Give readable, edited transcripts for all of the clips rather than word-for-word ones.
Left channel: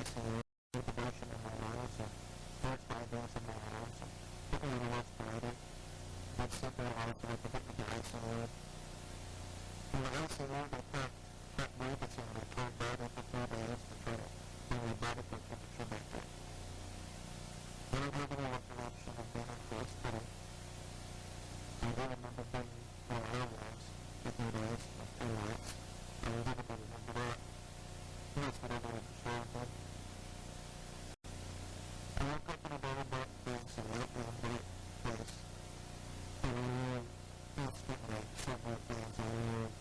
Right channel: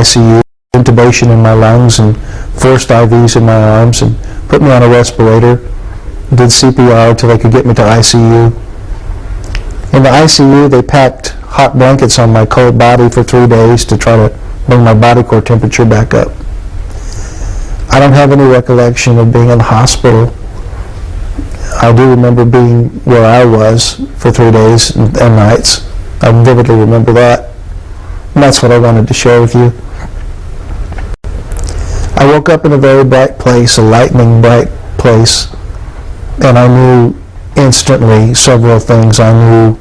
ICU, intubation in my lungs and forced IVs in my arms and put me on a respirator, did CPR till they could get me to ICU. In the ICU, they packed hot blankets on my cold body for 3 days to try to bring my body core temperature back up. I don't have any recollection of being in the hospital. I do remember being where I was for 3 days and nights. I vividly remember that. And that's what I wanted to share with you. I woke up in a very bright place, a lightning bright place, and I knew instantly several things. I knew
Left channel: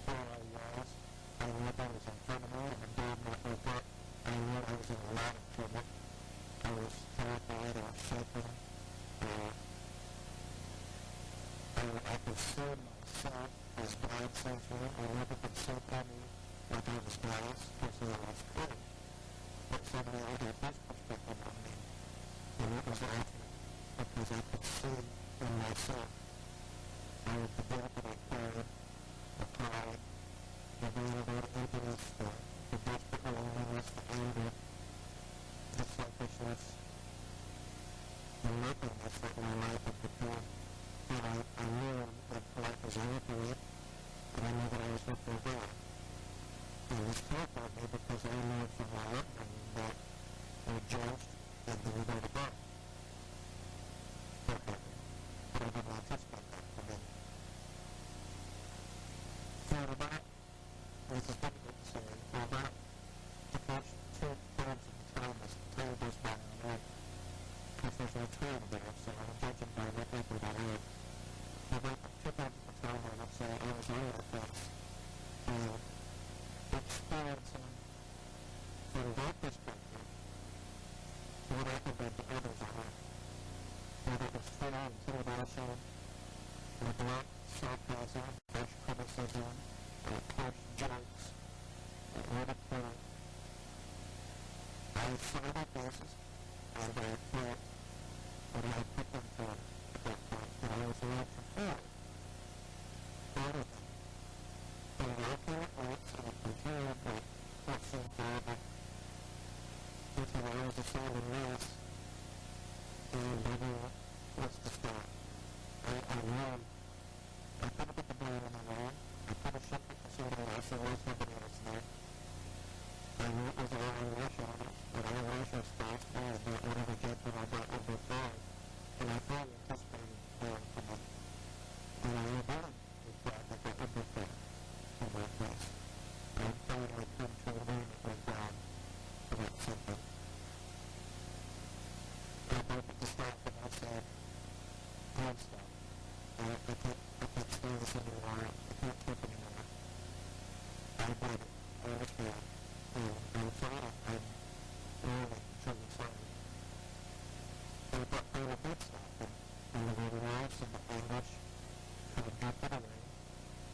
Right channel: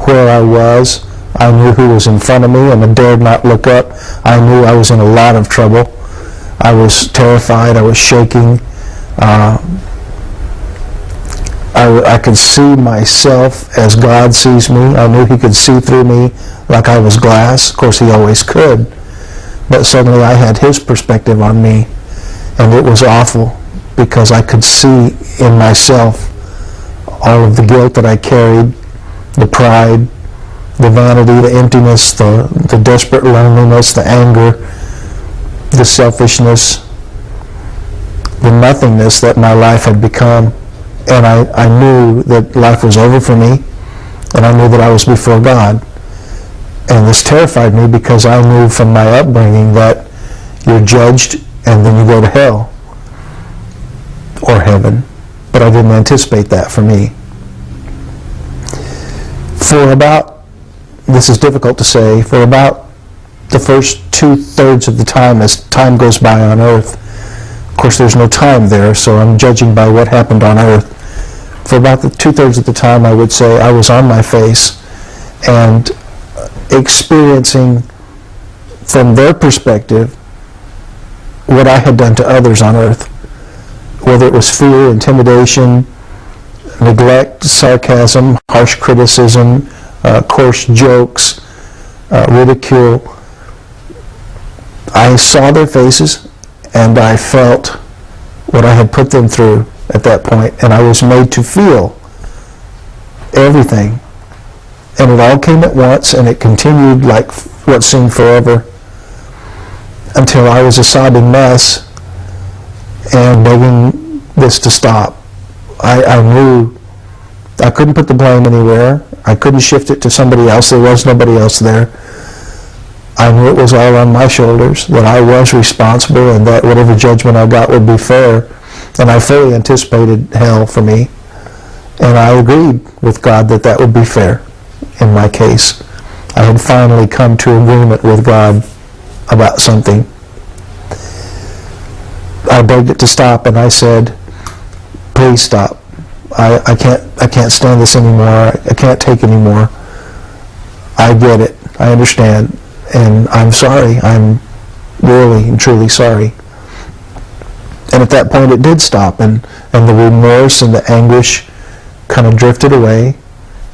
where I was. I knew who was in front of me, and I dared not look up. I knew I was in a lot of trouble. I was terrified. I was shaking. I could see myself as God sees me. I knew he could see through me like I was glass. Of course, he always could. But suddenly I had his perspective on me, and it was awful because I could see in myself all of the guilt that I carried, the pride, the vanity, the emptiness, the desperate loneliness, the anger, the selfishness, the nothingness that my life had become. And I knew that life was over for me, and I knew that I was before God. And this terrified me because I knew from my upbringing that you're judged and then you go to hell or heaven. But I didn't anticipate that for me. For about, this is difficult to say, for about the first 2/3 of the time as time goes by on earth, of course there's no time there, so I'm judging by what happened on earth. For about the 2/3 of the time, I would say I was on my face and experiencing from their perspective what I had done to others on earth, whether it was fear, intimidation, neglect, sarcasm, harsh criticism, coarse jokes, ridicule. I saw their faces and I felt what I had put them through at that point, and I was made to feel everything. And it all came at once, and it continued like what seemed forever until I was a sobbing mess and begging this to stop. I knew I couldn't put the blame anywhere. I couldn't shift it to somebody else. There was nobody else there. I knew it was all on my shoulders, that I was responsible, and that whatever judgment I got would be fair. And I fully anticipated hell for me. And I agreed with God that that would be fair in my case. I had finally come to agreement with God about something. I begged it to stop, and I said, please stop. I can't stand this anymore. I can't take anymore. I get it. I understand. And I'm sorry. I'm really and truly sorry. And at that point it did stop, and the remorse and the anguish kind of drifted away,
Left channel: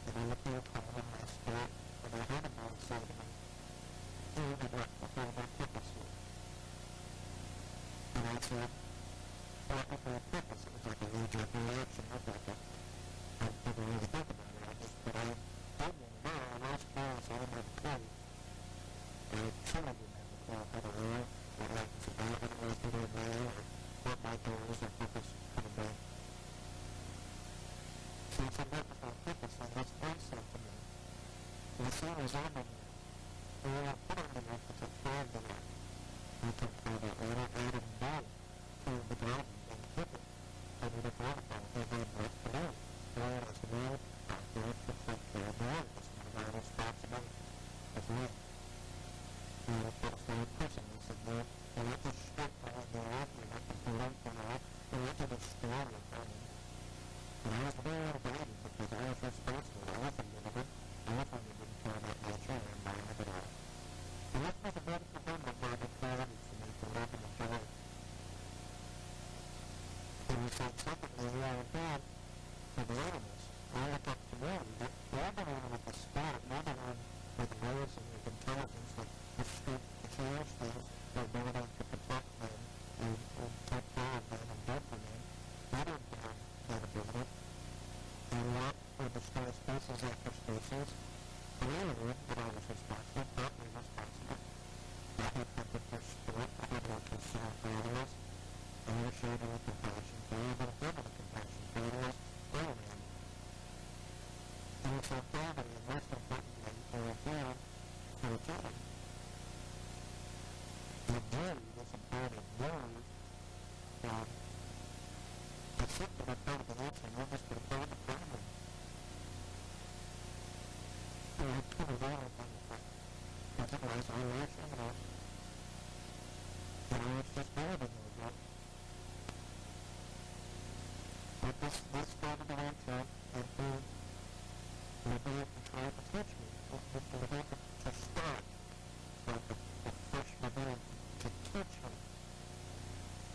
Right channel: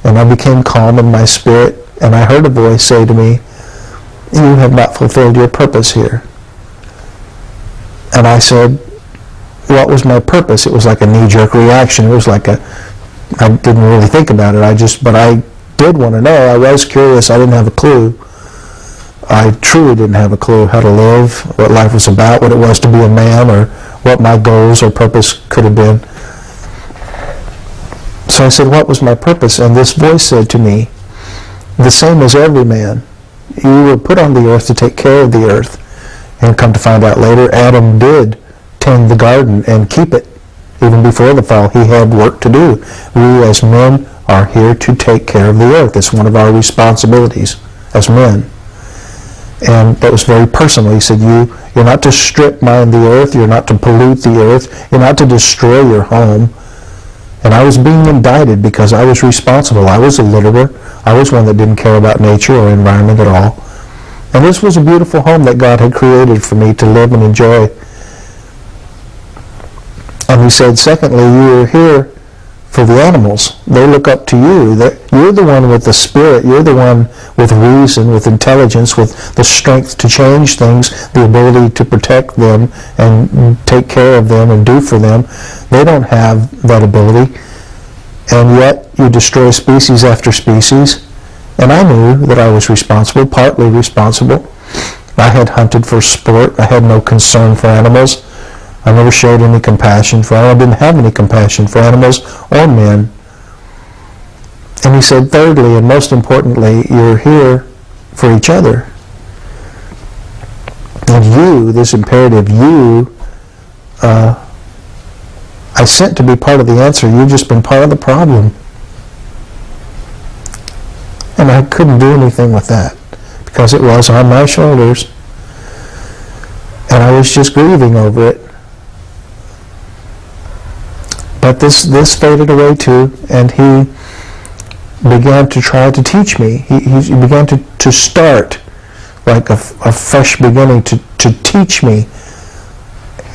and I became calm in my spirit, and I heard a voice say to me, you have not fulfilled your purpose here. And I said, what was my purpose? It was like a knee-jerk reaction. It was like I didn't really think about it. But I did want to know. I was curious. I didn't have a clue. I truly didn't have a clue how to live, what life was about, what it was to be a man, or what my goals or purpose could have been. So I said, what was my purpose? And this voice said to me, the same as every man. You were put on the earth to take care of the earth. And come to find out later, Adam did tend the garden and keep it. Even before the fall, he had work to do. We as men are here to take care of the earth. It's one of our responsibilities as men. And that was very personal. He said, you're not to strip mine the earth, you're not to pollute the earth, you're not to destroy your home. And I was being indicted because I was responsible. I was a litterer. I was one that didn't care about nature or environment at all. And this was a beautiful home that God had created for me to live and enjoy. And he said, secondly, you are here for the animals. They look up to you. You're the one with the spirit. You're the one with reason, with intelligence, with the strength to change things, the ability to protect them and take care of them and do for them. They don't have that ability. And yet you destroy species after species. And I knew that I was responsible, partly responsible. I had hunted for sport. I had no concern for animals. I never showed any compassion for animals. I didn't have any compassion for animals or men. And he said, thirdly, and most importantly, you're here for each other. And you, this imperative, you, I sent to be part of the answer. You've just been part of the problem. And I couldn't do anything with that because it was on my shoulders. And I was just grieving over it. But this faded away too, and he began to try to teach me. He began to start like a fresh beginning to teach me,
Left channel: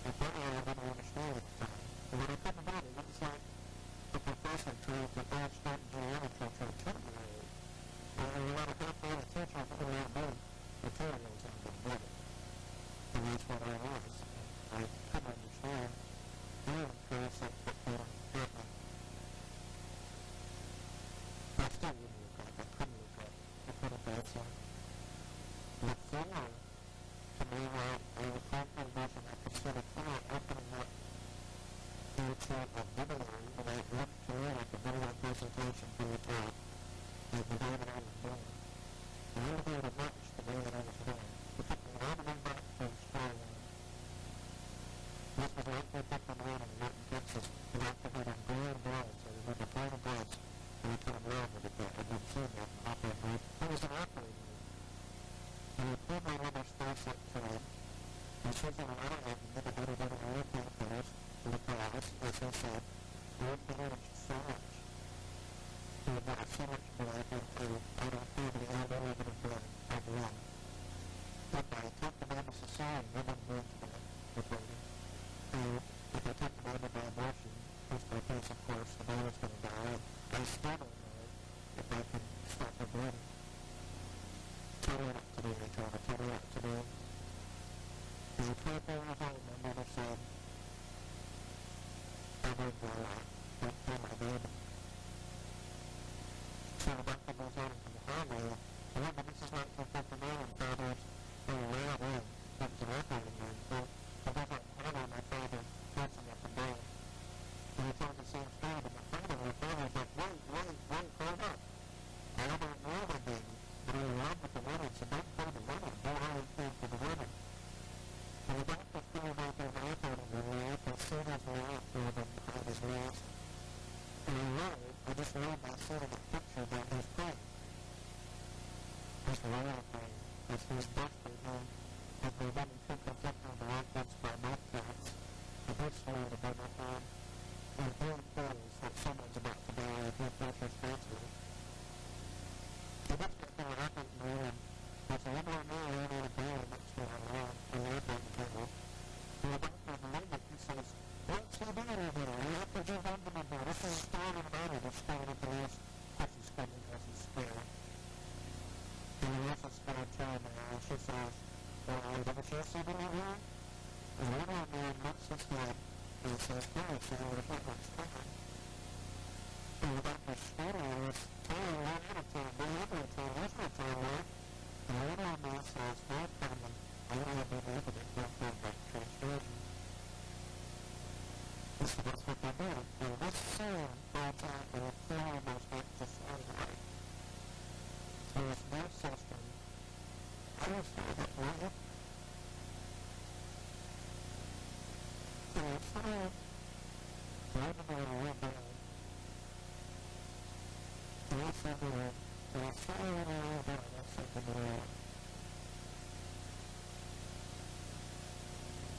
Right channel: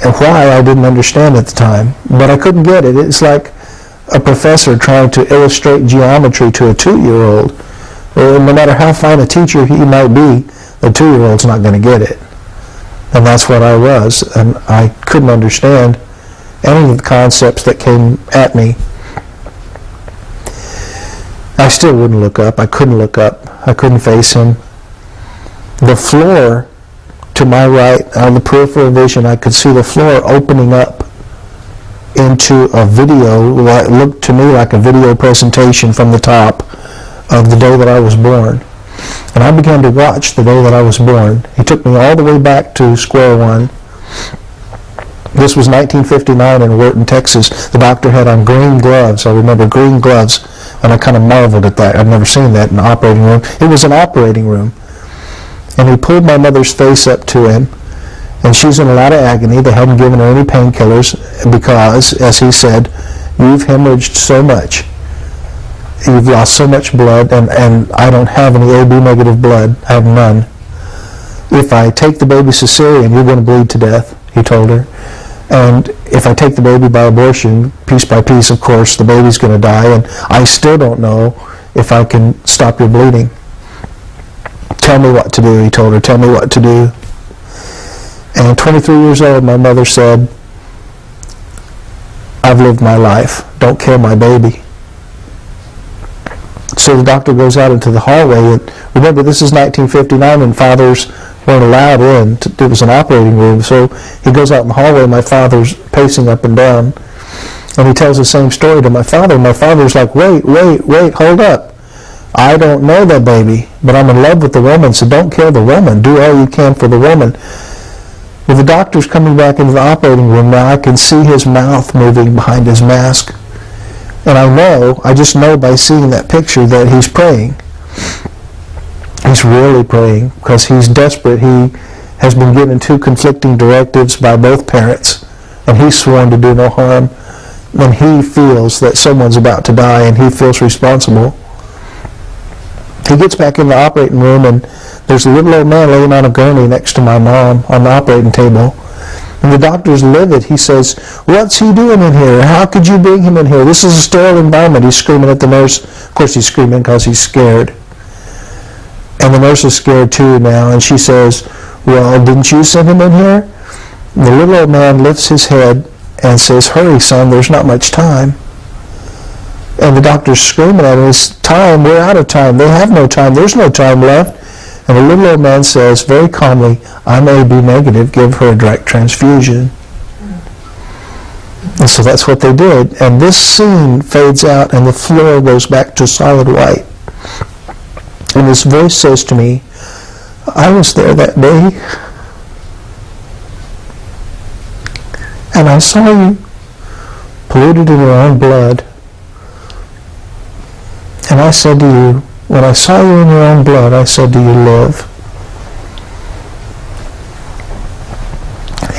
and why I didn't understand at the time. But I couldn't get it. It's like a professor trying to illustrate geometry to a 2-year-old. No matter how fine a teacher he might be, the 2-year-old's not going to get it. And that's what I was, and I couldn't understand any of the concepts that came at me. I still wouldn't look up. I couldn't look up. I couldn't face him. The floor to my right, on the peripheral vision, I could see the floor opening up into a video. It looked to me like a video presentation from the top of the day that I was born. And I began to watch the day that I was born. He took me all the way back to square one. This was 1959 in Wharton, Texas. The doctor had on green gloves. I remember green gloves, and I kind of marveled at that. I'd never seen that in an operating room. It was an operating room. And he pulled my mother's face up to him, and she's in a lot of agony. They hadn't given her any painkillers because, as he said, you've hemorrhaged so much. You've lost so much blood, and I don't have any AB negative blood. I have none. If I take the baby cesarean, you're going to bleed to death, he told her. And if I take the baby by abortion, piece by piece, of course, the baby's going to die, and I still don't know if I can stop your bleeding. Tell me what to do, he told her. Tell me what to do. And 23 years old, my mother said, I've lived my life. Don't kill my baby. So the doctor goes out into the hallway, and remember, this is 1959, and fathers weren't allowed in. It was an operating room, so he goes out in the hallway. My father's pacing up and down, and he tells the same story to my father. My father's like, wait, hold up. I don't know that baby, but I'm in love with the woman, so don't kill the woman. Do all you can for the woman. Well, the doctor's coming back into the operating room now. I can see his mouth moving behind his mask. And I just know by seeing that picture that he's praying. He's really praying because he's desperate. He has been given 2 conflicting directives by both parents, and he's sworn to do no harm. And he feels that someone's about to die, and he feels responsible. He gets back in the operating room, and there's a little old man laying on a gurney next to my mom on the operating table. And the doctor's livid. He says, what's he doing in here? How could you bring him in here? This is a sterile environment. He's screaming at the nurse. Of course he's screaming because he's scared. And the nurse is scared too now, and she says, well, didn't you send him in here? And the little old man lifts his head and says, hurry, son, there's not much time. And the doctor's screaming at him, it's time, we're out of time. They have no time, there's no time left. And the little old man says very calmly, I'm AB negative, give her a direct transfusion. And so that's what they did. And this scene fades out, and the floor goes back to solid white. And this voice says to me, I was there that day, and I saw you polluted in your own blood. And I said to you, when I saw you in your own blood, I said, do you live?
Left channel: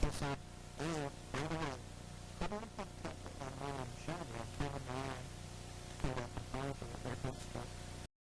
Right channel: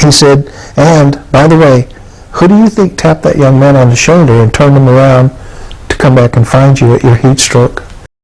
He said, and, by the way, who do you think tapped that young man on the shoulder and turned him around to come back and find you at your heat stroke?